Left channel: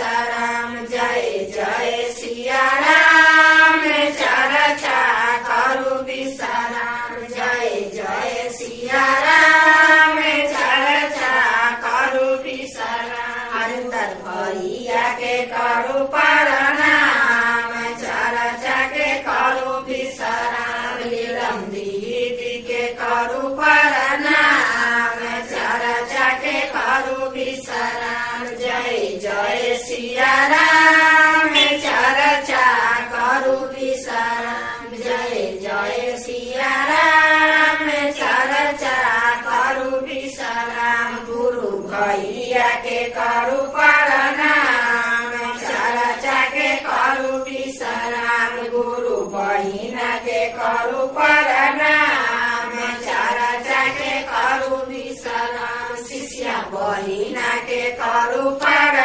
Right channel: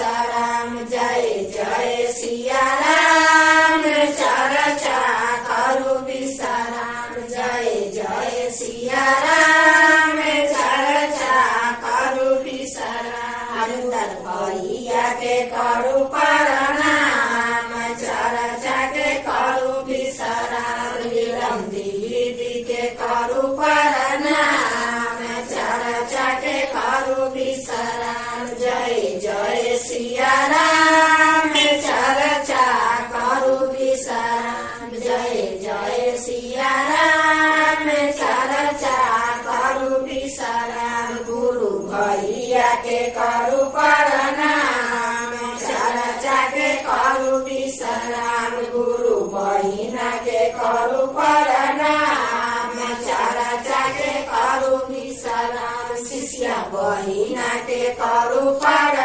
विश्राम जय जय सिया राम चर्चा करू विश्राम जय जय सिया राम चर्चा करू विश्राम अंदर भैया के करू प्रणाम चर्चा के करू विश्राम नीलम दीदी के करू प्रणाम चर्चा के करू विश्राम जय जय सिया राम चर्चा करू विश्राम जय जय सिया राम चर्चा करू विश्राम गुरु भैया के करू प्रणाम चर्चा के करू विश्राम गुरु बहिना के करू प्रणाम चर्चा के करू विश्राम शिष्या बहिना के करू प्रणाम